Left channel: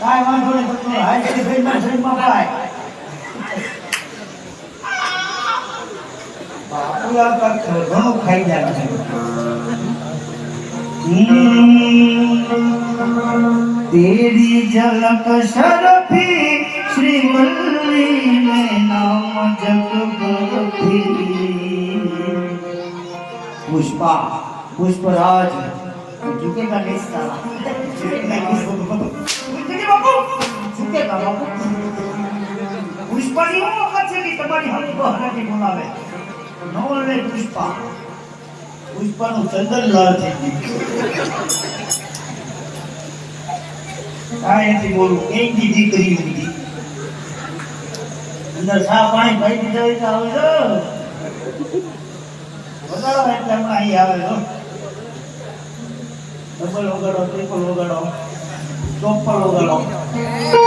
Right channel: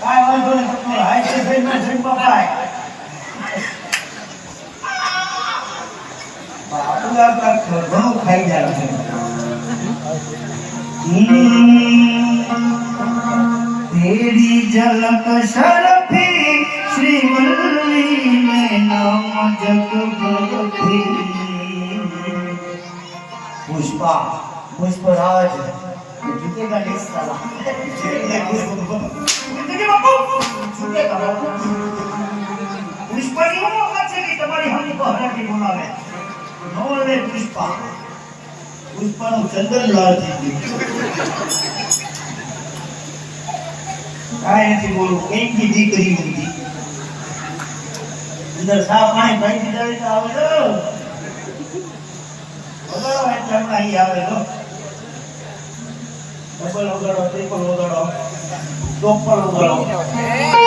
I want to go to the high school, my dream of life. Bỏ ra các cửa gốc hay là तेरी झलक शरफी श्री श्रीवल्ली में पुष्पा पुष्पराज झुकेगा नहीं साला। पुष्पा पुष्पा। पुष्पा चंद्रलाल जी કાંઈથી બોલું એકની દીકરી હતી અંદર સા પાણી ભાઈ દીધા હોય તો આવે જો વગાડો એટલે હમણાં અહીં આવે જો ડબલ વગાડો ત્રિપલ વગાડો ચોપલ વગાડો